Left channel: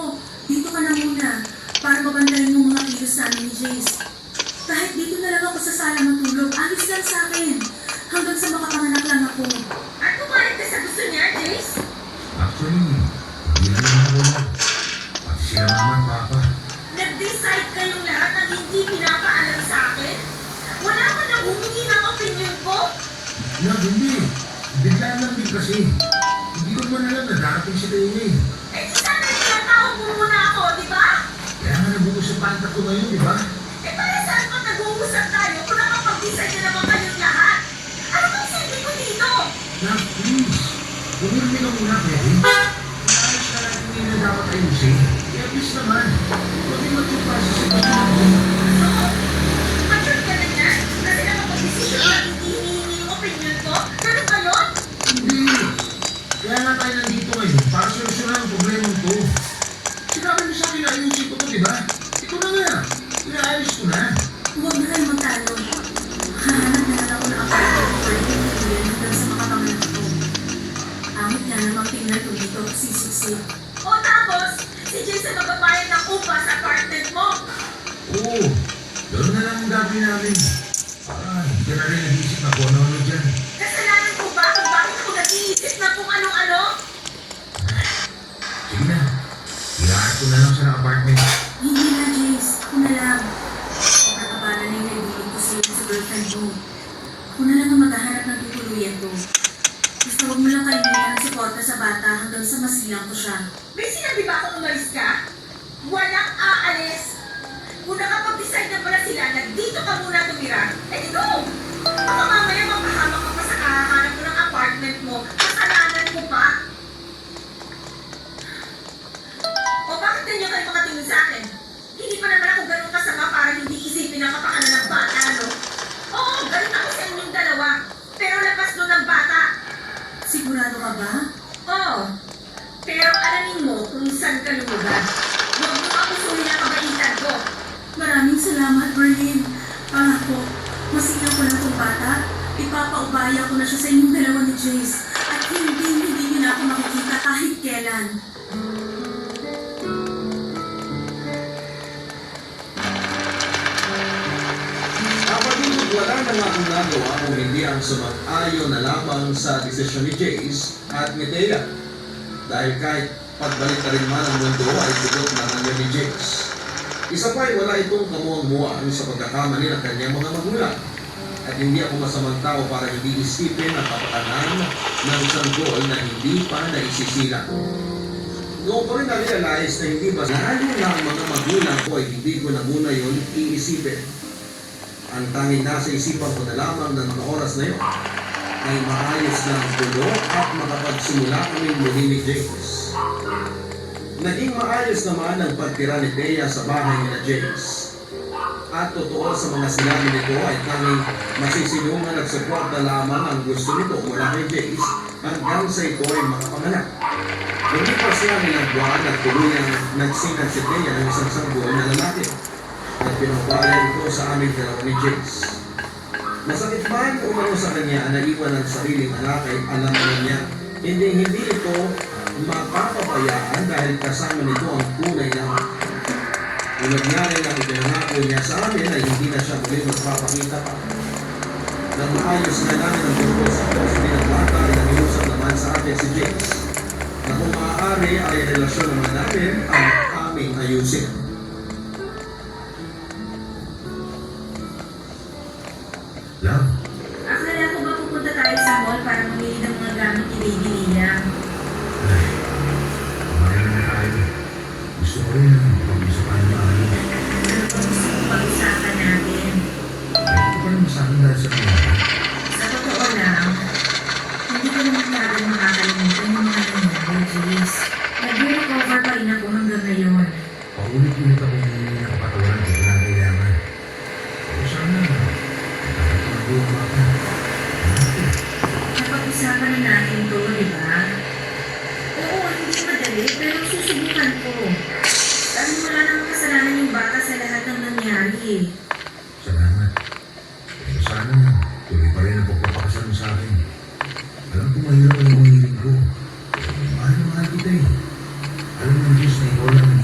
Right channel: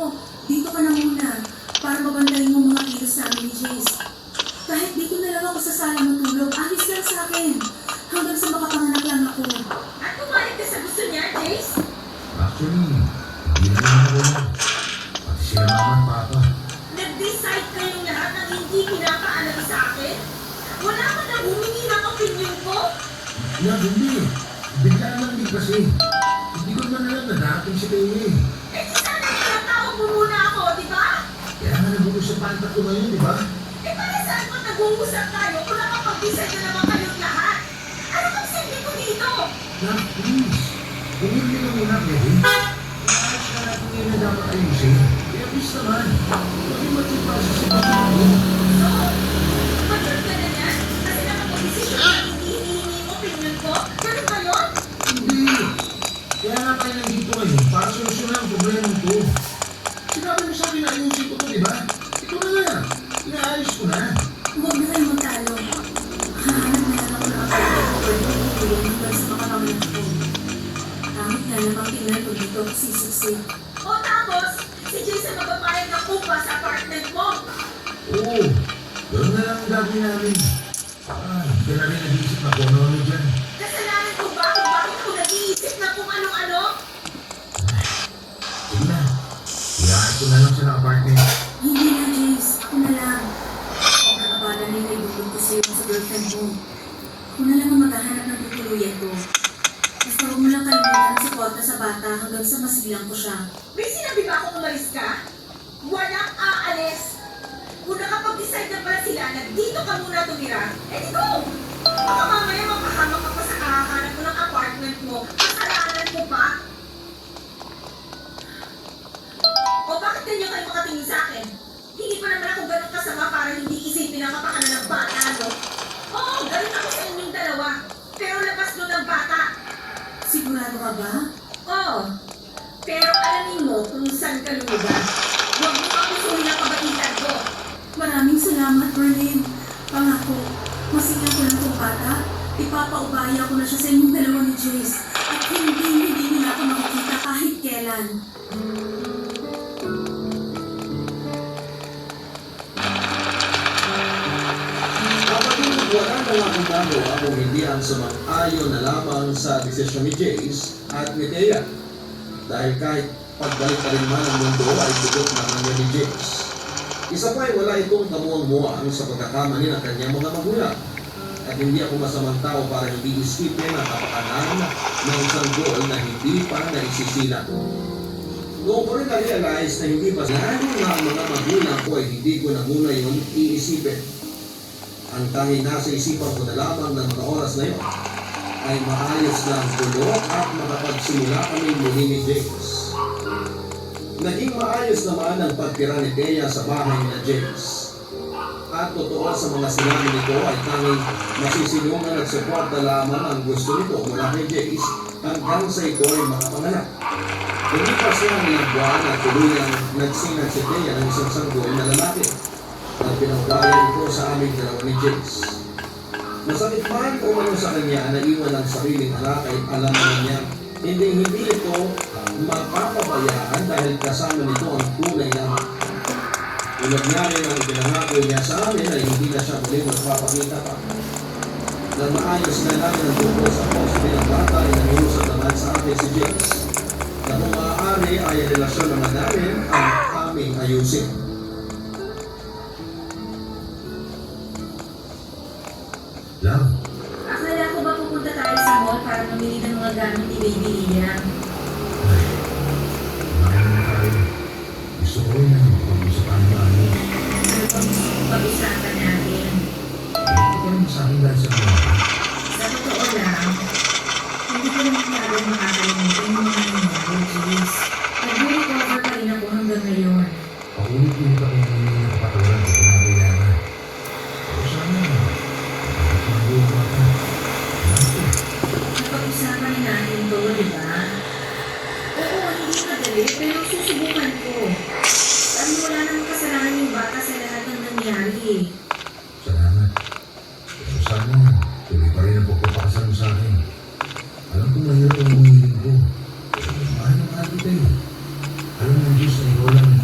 Dito ka na muna para mabantayin mo mga kilos namin ni Jace. Kahit dito na lang ako sa sala matulog, alis lang sa akin. Hanggang sa makapanganak lang ako. At kumain ka sa gusto niya, Jace? Actually, hindi na rin ako na. Pati si Raman, Papa. Nag-decide kayong lahat ng hindi pinapaalam sa akin? Wala man ang humingi ng opinion ko? Hindi. Bigla lang din kasi. Hindi ko naman alam na darating si Teya eh. Eh di sana itatawag mo muna ako, di ba? Kaya nga nag-uusap panta ko ngayon, di ba? Eh para saan pa nag-uusap tayo kung nakapag-decide na naman kayong lahat? Ano bang silbi ko dito? Love, please. Bumili ka muna, baby. Maayos na natin ngayon ang dapat ayusin. Kaya please naman. Maging matipasa si Papa ko. So, mature ka na niya? Kasi nakapag-desisyon na hindi hinihingi yung opinion ko? Ganun ba yun? Hindi. Kaya nga tayo nandito ngayon para solusyonan ang problema ko. Sinabi mo sa akin na ayusin ko to, di ba? Ito na nga. Inaayos ko na. Huwag na kayo magtalo. Hahanap na lang ako ng apartment ko pwede matulog hanggang sa makapanganak ko. Tamot nga namang tingnan kung dito ako sisiksik. O tapos, si Jason magpapayag ng upa sa apartment mo. Oo. Ganoon na lang ang gagawin namin. Hindi ka na rin nag-iisip na kung ano-ano dyan. Kasalanan ko ba kung bakit ako nag-iisip na kung anong-ano? Sige na. Iyahat ko na lang siya ng apartment. Hindi na, Jace. Ako na lang. Nakabala na yung naibigan ko sa'yo sa girlfriend mo. Ako na lang ang maghahanap ng tutuluyan ko. Basta huwag mo lang kalimutan ang suporta sa bata hanggang sa masilang ko siya. May sinabi ba akong umalis ka? Walang aalis. Kung nakapag-decide na pala sila na dito ka muna tumira, eh di go! Baka mamaya mapahamak ka pa sa kahahanap mo ng apartment mo. Kasalanan ko pa. O bakit ganyan kayo makatingin sa akin? Hindi pa naman ako ganun kasama para hindi isipin ang kapakanan ng bata, ano? Oo, galit ako sa inyong dalawa. Pero labas doon ng bata. Sigurado ka ba? Oo. Pero alamin mo kung saan ka lumugan. Huwag mo kapusuhin ang kabaitan ko. Maraming salamat, Berlin. Pangako, masilang ko lang itong bata. Ipapaubaya ko na siya sa inyong dalawa ni Jace. At hindi niyo na ako makikita kahit kailan. Kapag wala na nga akong nagawa kung hindi ang sumang-ayon na lamang sa desisyon ni Jace at ni Thea. Dahil kahit pagbalik pa rin man ang mundo ay bigot naman yun ni Jace. Isa pa ay wala itong kamuang-muang sa pagkakamali ng kanyang mga magulang. At hindi ako masamang tao para hindi isipin ang kapakanan ng sanggol na hindi pa naisisilang. Noong ko rin na-realize na hindi ba lalo na ang mga magulang ko ay hindi ko na muna yun iisipin. Ang tanging nasa isipan ko na lamang ng mga oras na yun ay maayos na ang gulo at makapagsimula kami muli ni James. Naging maayos naman ang pagtira ni Thea sa bahay ni James. At totoo sa mga sinabi nito ay tanging masisilungan at suporta lamang ang gusto nito mula kay Jace hanggang sa ito ay makapanganak. Lumipas nga nilang buwan at tuluyang nagsinag si Thea ng isang sanggol na lalaki at pinagbayan ko sa aming dalawa ni Jace. Masakit man umano sa kanya na iwan ang sariling anak ay alam naman niya hindi ito mapapabayaan dahil kasama nito ang kulay ng ulad niya rin ang ipinangako niya sa amin ay hindi na siya muli magpapakita pa. Nang maayos na namin ang tungkol sa poste ng bata ay naniusap naman sa akin si James na kung maaari ay relasyon naman namin ang aming ayusin. Love, Akala ko ba pupunta tayo sa mall para mamili ng mga gamit ni Baby Lia? kumain na tayo. Gusto ko rin ang pag-usapan na tayo. Ano pa gusto kong pag-usapan natin? Ito pa rin sa akin dahil sa pinaka. Sa totoo lang, hindi ko naman agad makakalimutan yung mga nangyari, Jace. Nag-recover pa rin ako hanggang ngayon. Paulit-ulit kami hihingi ng patawad kung kinakailangan. Pero sana, nakakatuloy pa ka. Napag-usapan na natin to, di ba? Oo, hindi madali, pero susubukan ko. Dahil wala namang kasalanan yung bata sa lahat ng nangyari eh. Salamat. Pero sana, tuloy pa rin ang pagpapakasal mo sa akin. Alam ko mahirap ang hinihiling ko. Pero mahal kita eh. Alam mo, Diyos, na ikaw lang ang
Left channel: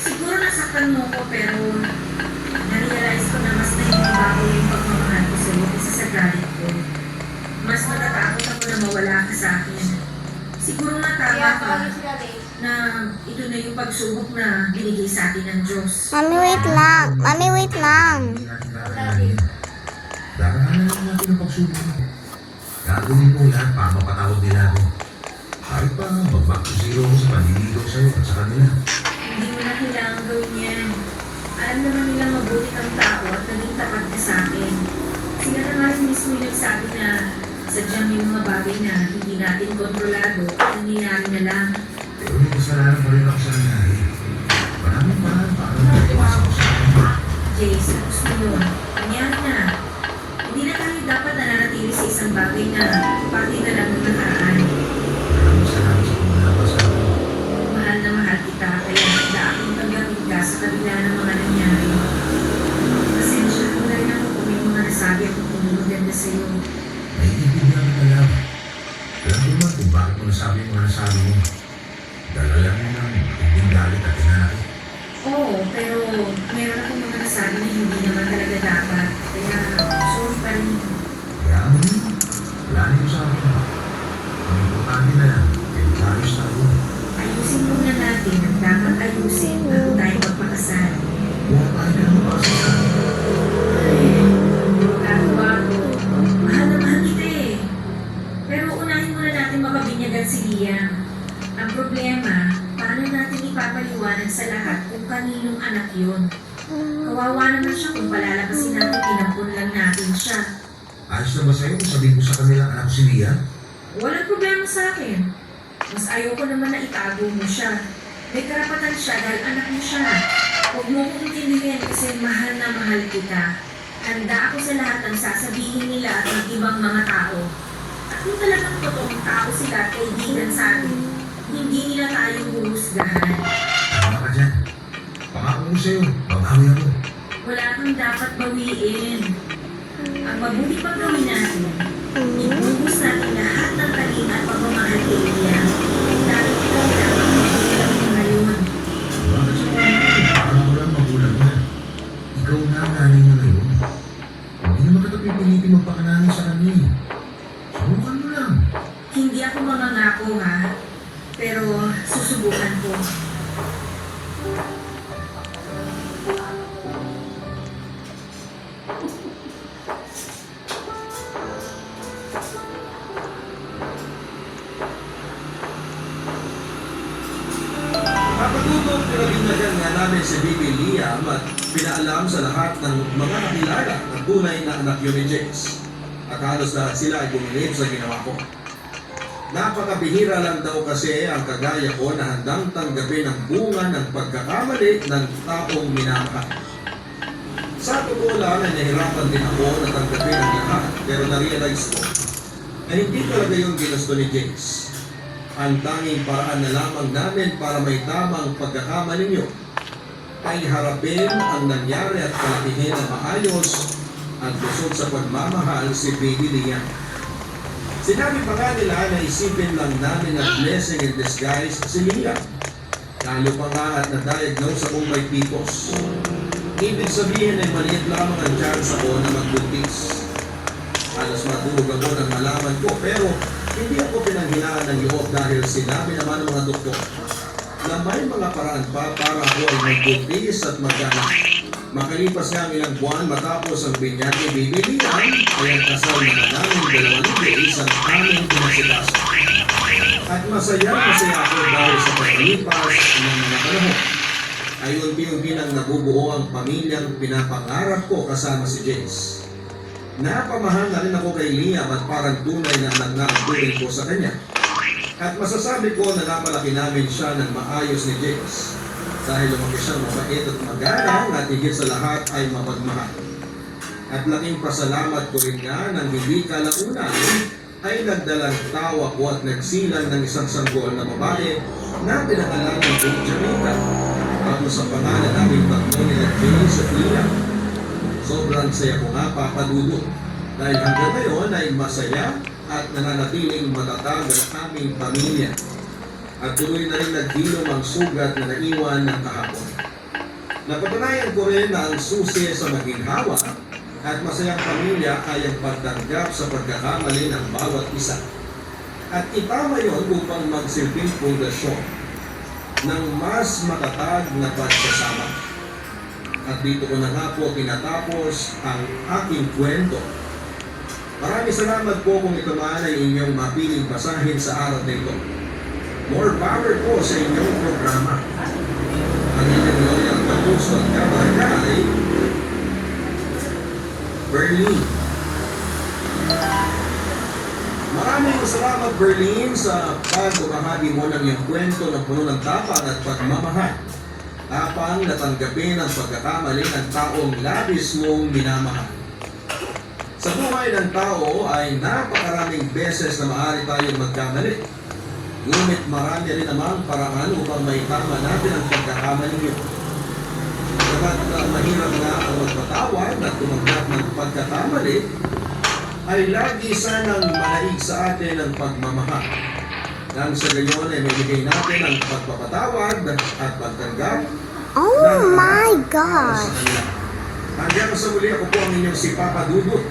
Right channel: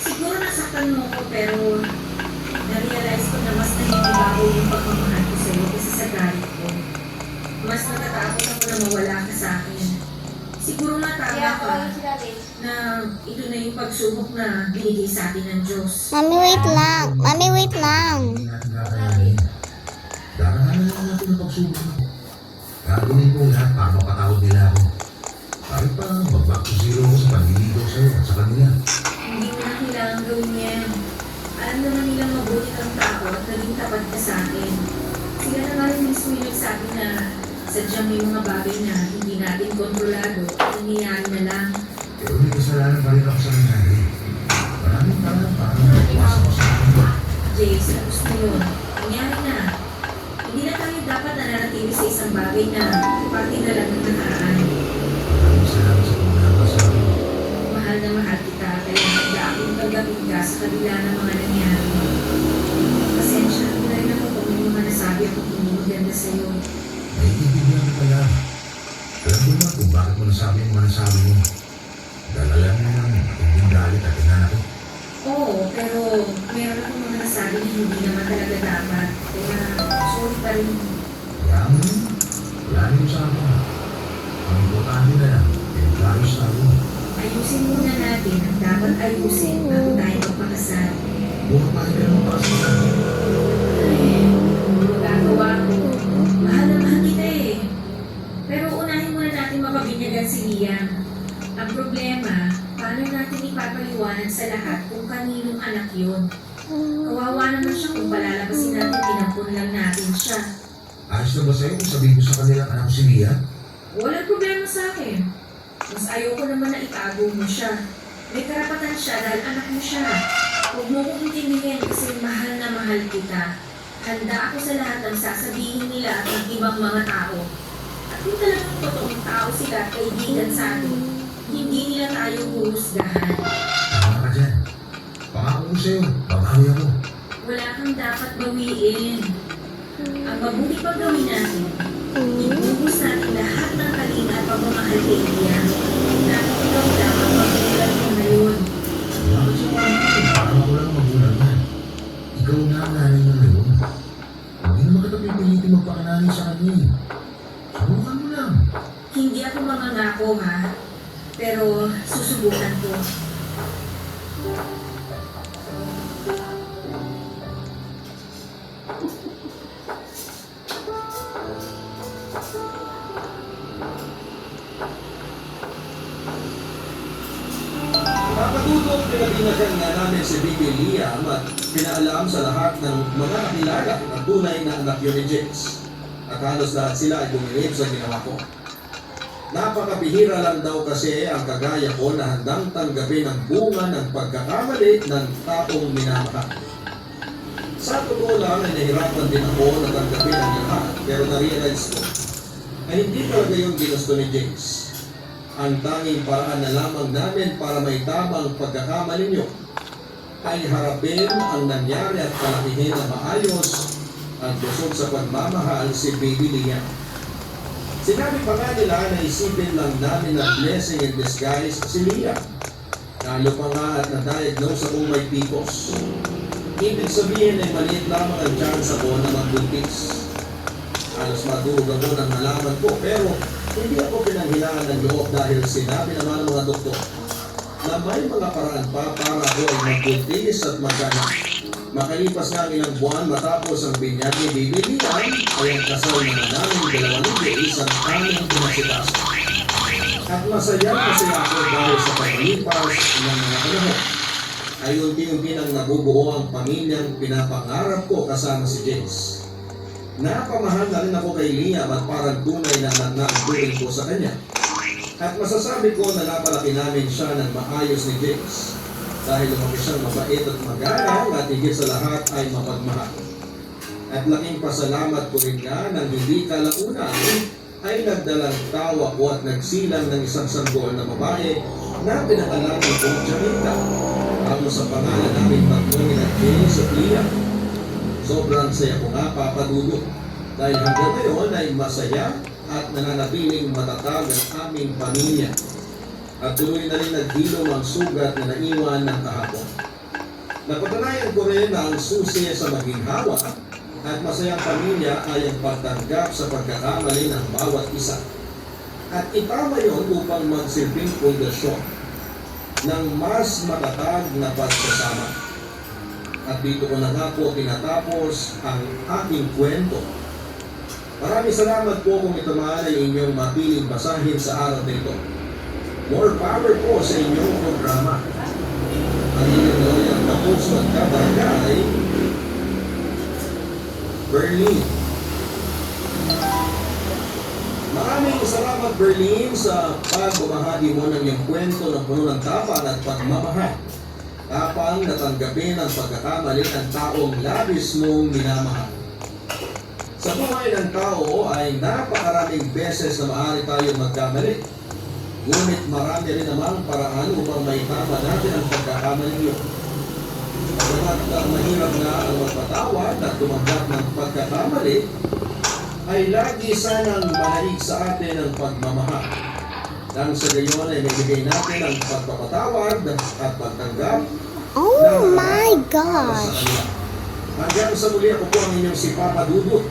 Siguro nasaktan mo ko pero na-realize ko na mas naninibago yung pagmamahal ko sa'yo kasi sa galit ko. Mas natatakot ako na mawala ka sa akin. Siguro nga tama ka na ito na yung pagsubok na binigay sa atin ng Diyos. Mami, wait lang. Mami, wait lang. Hindi natin kakalanin. Darahanan lang natin ang pagsubok mo. Gagawin ko lahat para mapatawad nila ako. Kahit pa mag-back to zero ko sa panliligaw sa'yo at sa kanila. Hindi mo na kailangan gawin yan. Alam naman nilang mabuti kang tao at naging tapat ka sa akin. Sila na nga rin mismo yung nagsabi na sadyang may mga bagay na hindi natin kontrolado at nangyayari na lang. Pero may kasalanan pa rin ako sa nangyari. Maraming parang nagpawas ako sa akin. Jace, tapos mo yun. Nangyari na. Hindi na tayo dapat nananatili sa isang bagay na parte na lang ng nakaraan. Maraming salamat sa kumulama sa akin. Mahal na mahal kita, kaya handa akong tanggapin ka sa kabila ng mga nangyari. Pasensya na rin ako kung may mga nasabi ako kung hindi maganda sa'yo. Naiintindihan kita lang. Alam ko naman kung bakit mo nasabi yung mga nasabi mo. Dahil alam mo nang matinding galit at hinanakit. Oo, pero meron akong mga nasabi na hindi naman talaga dapat. Kaya sorry pa rin. Kaya mo yun. Wala na yung sa akin. Ang importante na lang, ay ayos na ako. Ayusin muna natin ang dapat ayusin bago tayo magpakasal. Buha tayo ka naman kasi sa akin. Ay, magagawa ko. Mahal na mahal kita eh. Pero unahin muna natin makabinyagan si Liam. Ang problema, paano natin ipapaliwanag sa lahat kung kaninong anak yun? Kawawa naman siya kung palalabasin natin pinampun lang natin siya. Ayos na ba sa'yo kung sabihin ko sa kanila anak ko si Lia? Walang problema sa akin. Mas ayoko naman na itago mo siya. May karapatan siya dahil anak mo siya. Huwag mo kong intindihin kasi mahal na mahal kita. Handa ako sa lahat ng sasabihin nila at ng ibang mga tao. At kung talagang totoong tao sila at kaibigan sa atin, hindi nila tayo huhusgahan. Tama ka dyan. Pangako mo sa'yo, babawi ako. Wala kang dapat bawiin. Ang mabuti pang gawin natin, ibuhos natin lahat ng taling at pagmamahal kay Liam. Dahil ikaw lang ang magulang mo ngayon. Bakit sa mga parang ako lang magulang na? Ikaw na ang nanay mo ngayon. Hindi naman kita pipilitin magpakananin sa kanya eh. Subukan mo lang. Hindi ako mamangako ha, pero susubukan ko. Kapatutok, pinabinyagan nga namin si Bibi Liam at pinaalam sa lahat ng mga nakilala na tunay na anak yun ni Jace. At halos lahat sila ay bumilib sa ginawa ko. Napakabihira lang daw kasi ang kagaya ko na handang tanggapin ang bunga ng pagkakamali ng taong minamahal. Sa totoo lang ay nahirapan din ako na tanggapin ang lahat pero na-realize ko na hindi talaga yung ginusto ni Jace. Ang tanging paraan na lamang namin para may tamang pagkakamali niyo ay harapin ang nangyari at palakihin ng maayos at busog sa pagmamahal si Bibi Liam. Sinabi pa nga nila na isipin lang namin na blessing in disguise si Liam. Lalo pa nga at na-diagnose ako may PCOS. Ibig sabihin ay maliit lamang ang chance ako na magbuntis. Halos matulog ako nang malaman ko pero hindi ako pinanghilaan ng loob dahil sinabi naman ng mga doktor na may mga paraan pa para ako ay magbuntis at maganak. Makalipas nga ang ilang buwan matapos ang binyag ni Bibi Liam ay ang kasal na namin dalawang liis ang aming pinasikaso. At masaya ako dahil sa pagkalipas ng mga panahon ay unti-unti nang nabubuo ang pamilyang pinapangarap ko kasama si Jace. Napamahal na rin ako kay Liam at parang tunay na anak na ang turing ko sa kanya. At masasabi ko na napalaki namin siya ng maayos ni Jace. Dahil lumaki siyang mabait at magalang at higit sa lahat ay mapagmahal. At laking pasalamat ko rin nga nang hindi kalaunan ay nagdalang tawa ko at nagsilang ng isang sanggol na babae na pinangalan ng Jamaica. Bago sa pangalan naming tatlo nila Jace at Liam. Sobrang saya ko nga papadudot dahil hanggang ngayon ay masaya at nananatiling matatag ang aming pamilya. At tuloy na rin naghilom ang sugat na naiwan ng kahapon. Napatunayan ko rin na ang susi sa maginhawa at masayang pamilya ay ang pagtanggap sa pagkakamali ng bawat isa. At itama yon upang magsilbing pundasyon ng mas matatag na pagsasama. At dito ko na nga po tinatapos ang aking kwento. Maraming salamat po kung ito man ay inyong mapiling basahin sa araw na ito. More power po sa inyong programa. Ang inyong loyal na puso at kabarangay, Berlin. Maraming salamat, Berlin, sa pagbabahagi mo ng iyong kwento ng puno ng tapang at pagmamahal. Tapang na tanggapin ang pagkakamali ng taong labis mong minamahal. Sa buhay ng tao ay napakaraming beses na maaari tayong magkamali. Ngunit marami rin namang paraan upang maitama natin ang pagkakamali yun. Kapag mahirap nga ang magpatawad at tumanggap ng pagkakamali, ay lagi sanang malaig sa atin ang pagmamahal. Nang sa gayon ay maibigay natin ang pagpapatawad at pagtanggap Oh my gosh. Hanggang sa muli ako po ang inyong si Papa Dudut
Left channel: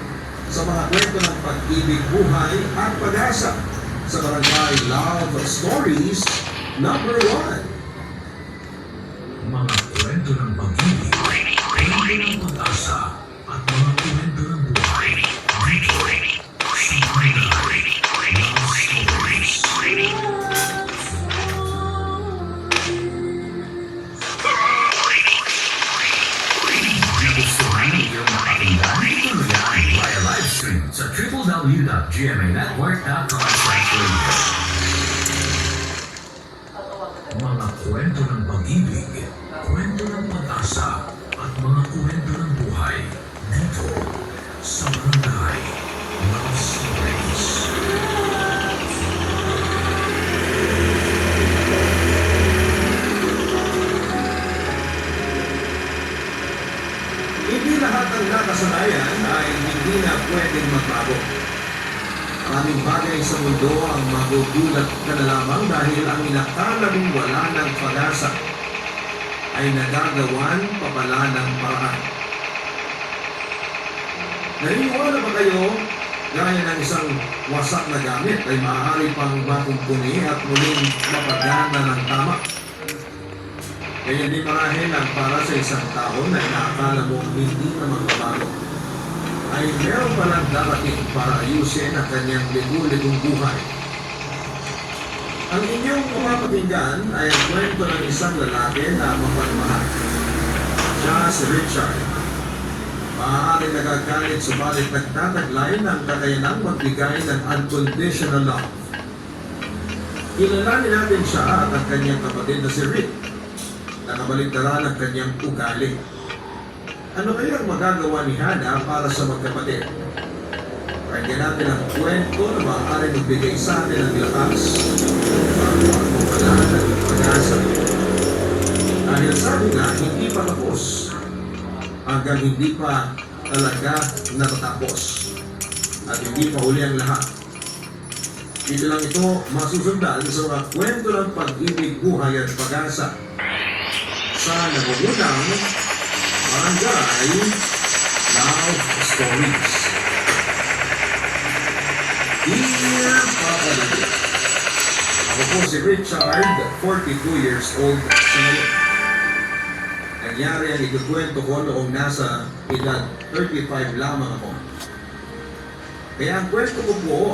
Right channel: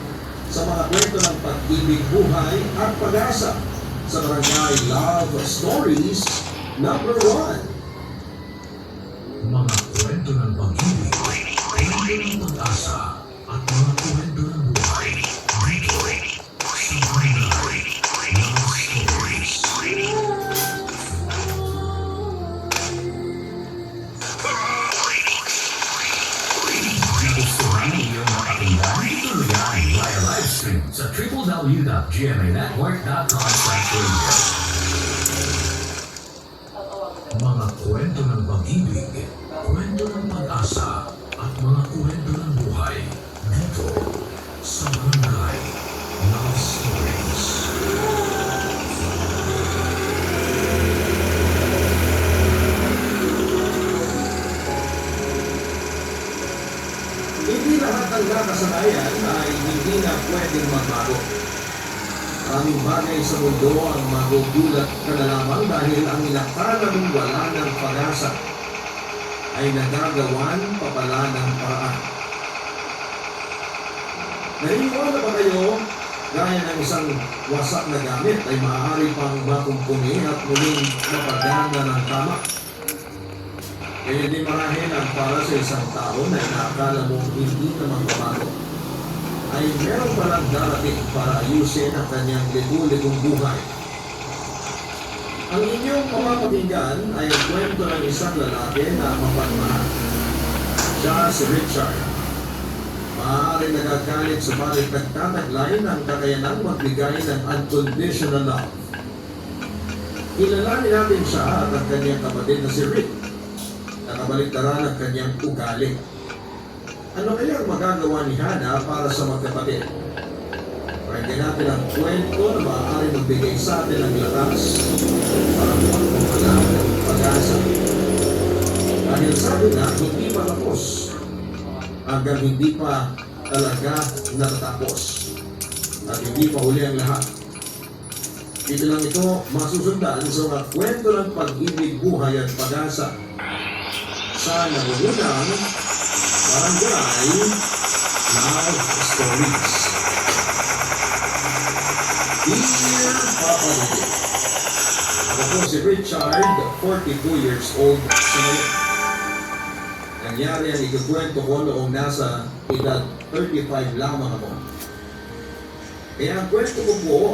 sa mga kwento ng pag-ibig, buhay at pag-asa sa Barangay Love Stories number 1. Mga kwento ng pag-ibig, kwento ng pag-asa, at mga kwento ng buhay. Dito, sa Barangay Love Stories. Nagustuhan niyo ang pakinggan? Ituloy via live stream sa www.gmanetwork.com/radio. Mga kwento ng pag-ibig, kwento ng pag-asa, at mga kwento ng buhay dito sa Barangay Love Stories. Hindi lahat ng nakasanayan ay hindi na pwedeng magbago. Maraming bagay sa mundo ang magugulat ka na lamang dahil ang inakala mong wala ng pag-asa ay nagagawan pa pala ng paraan. Naniniwala ba kayo gaya ng isang wasak na gamit ay maaari pang makumpuni at muling mapagana ng tama? Kaya di marahil ang para sa isang tao na inaakala mo hindi na magbabago ay meron palang darating para ayusin ang kanyang ligo-ligong buhay. Ang inyong pamapakinggan ay ang kwento ng isang lalaki na mapagmahal. Siya si Richard. Maaaring nagagalit subalit nagtataglay ng kakayanang magbigay ng unconditional love. Kilalanin natin siya at ang kanyang kapatid na si Rick. Nakabaliktaran ang kanyang ugali. Ano kaya ang magagawa ni Hannah para sa magkapatid? Pakinggan natin ang kwento na maaaring magbigay sa atin ng lakas, pagmamahalan at pag-asa. Dahil sabi nga, hindi pa tapos hanggang hindi pa talaga natatapos at hindi pa huli ang lahat. Dito lang ito masusundan sa mga kwento ng pag-ibig, buhay at pag-asa sa nagugunang Barangay Love Stories. Dear Papa Dudut, ako po si Richard, 42 years old, single. Nangyari ang ikukwento ko noong nasa edad 35 lamang ako. Kaya ang kwento ko po